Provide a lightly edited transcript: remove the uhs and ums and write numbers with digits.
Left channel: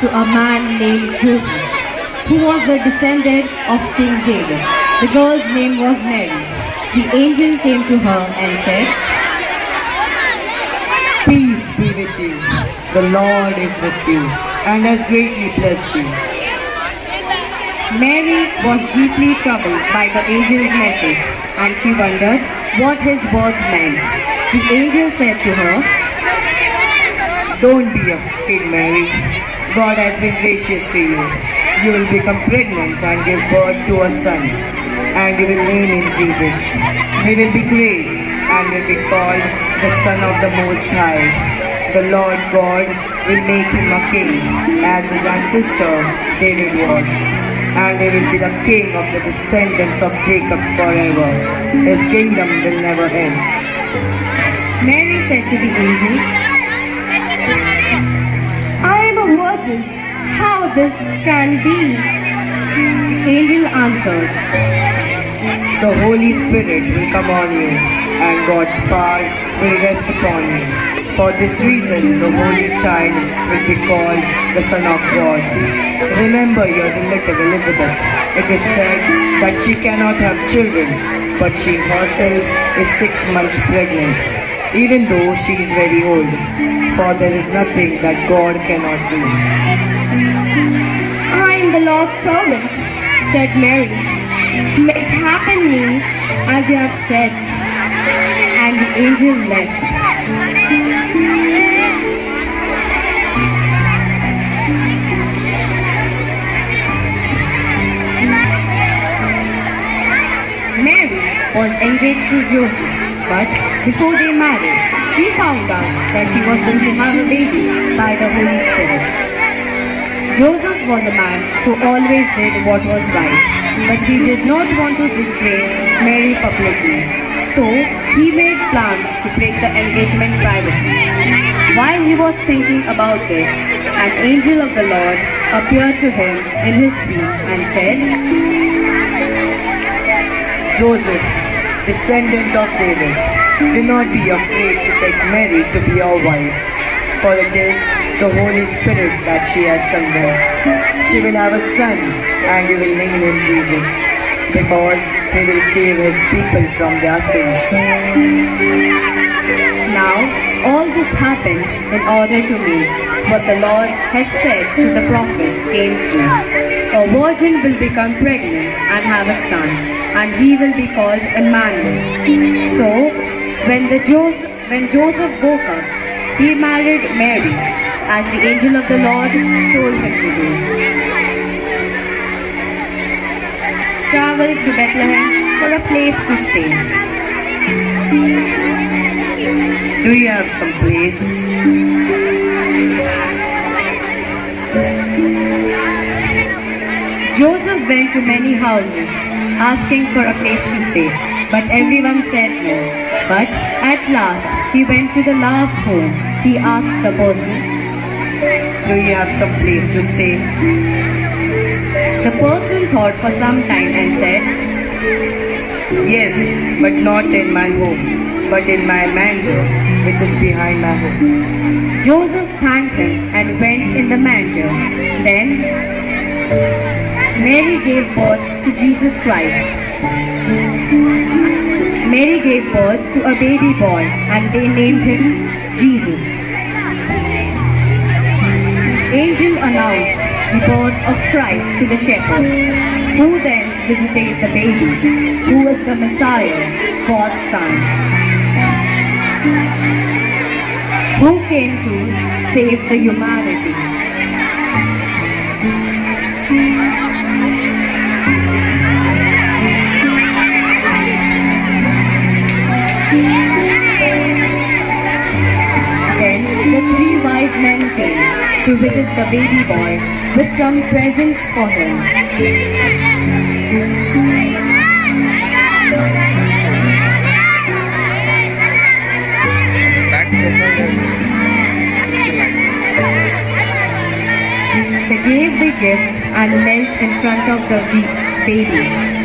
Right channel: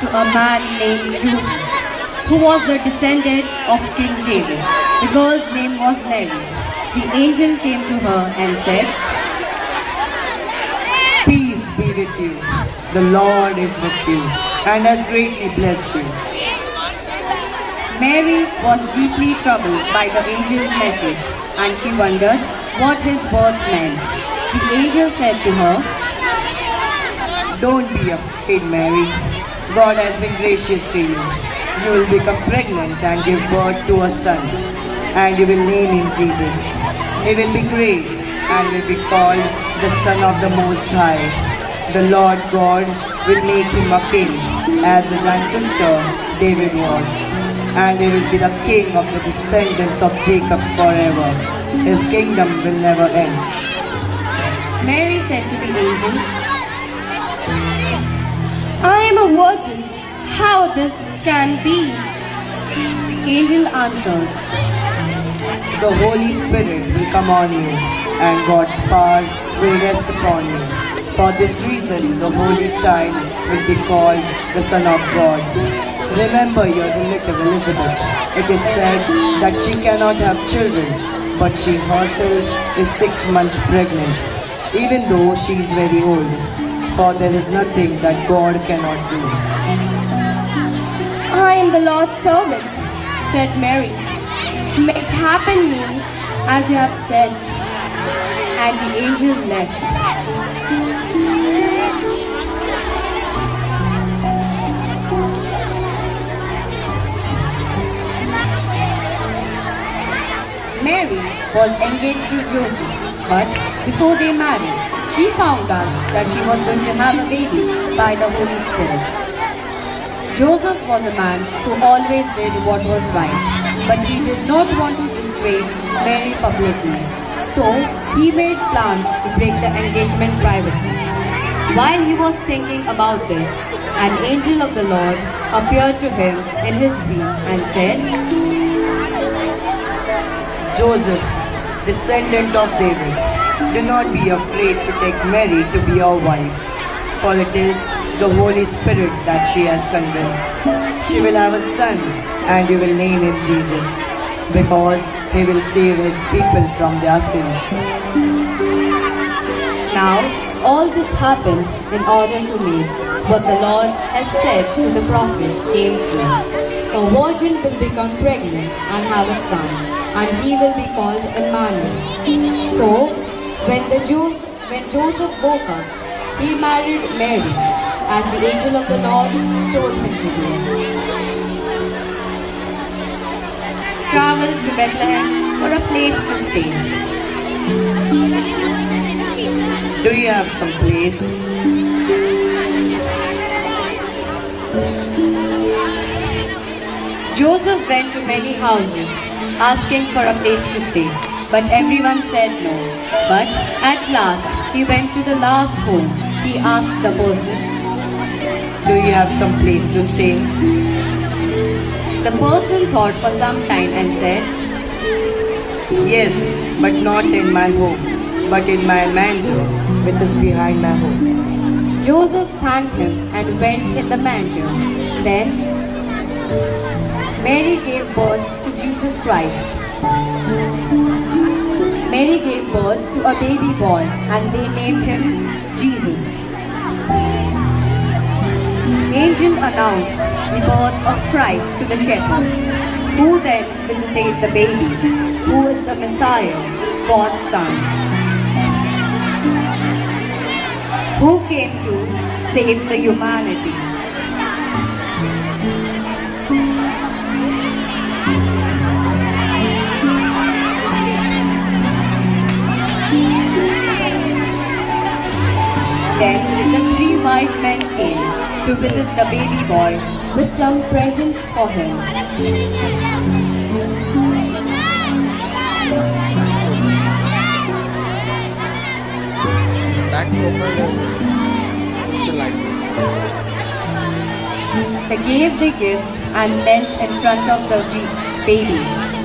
to a man named Joseph, who was the descendant of King David. The girl's name was Mary. The angel came to her and said, Peace be with you. The Lord is with you and has greatly blessed you. Mary was deeply troubled by the angel's message, and she wondered what his words meant. The angel said to her, Don't be afraid, Mary. God has been gracious to you. You will become pregnant and give birth to a son, and you will name him Jesus. He will be great and will be called the Son of the Most High. The Lord God will make him a king, as his ancestor David was, and he will be the king of the descendants of Jacob forever. His kingdom will never end. Mary said to the angel, I am a virgin. How this can be? The angel answered, The Holy Spirit will come on you, and God's power will rest upon you. For this reason, the Holy Child will be called the Son of God. Remember your relative Elizabeth. It is said that she cannot have children, but she herself is 6 months pregnant, even though she is very old. For there is nothing that God cannot do. I am the Lord's servant, said Mary. May it happen to me as you have said. And the angel left. Mary was engaged to Joseph, but before they married, she found out that she was going to have a baby by the Holy Spirit. Joseph was a man who always did what was right, but he did not want to disgrace Mary publicly. So he made plans to break the engagement privately. While he was thinking about this, an angel of the Lord appeared to him in his dream and said, Joseph, descendant of David, do not be afraid to take Mary to be your wife, for it is the Holy Spirit that she has convinced. She will have a son, and you will name him Jesus, because he will save his people from their sins. Now, all this happened in order to make what the Lord has said to the prophet came true. A virgin will become pregnant and have a son, and he will be called Emmanuel. So, when Joseph woke up, he married Mary, as the angel of the Lord told him to do. Travel to Bethlehem for a place to stay. Do you have some place? Joseph went to many houses, asking for a place to stay, but everyone said no. But at last, he went to the last home. He asked the person, Do you have some place to stay? The person thought for some time and said, Yes, but not in my home, but in my manger, which is behind my home. Joseph thanked him and went in the manger. Then Mary gave birth to Jesus Christ. Mary gave birth to a baby boy, and they named him Jesus. Angel announced the birth of Christ to the shepherds, who then visited the baby, who was the Messiah, God's Son, who came to save the humanity. Then the 3 wise men came to visit the baby boy with some presents for him. Back profile They gave the gift and knelt in front of the baby.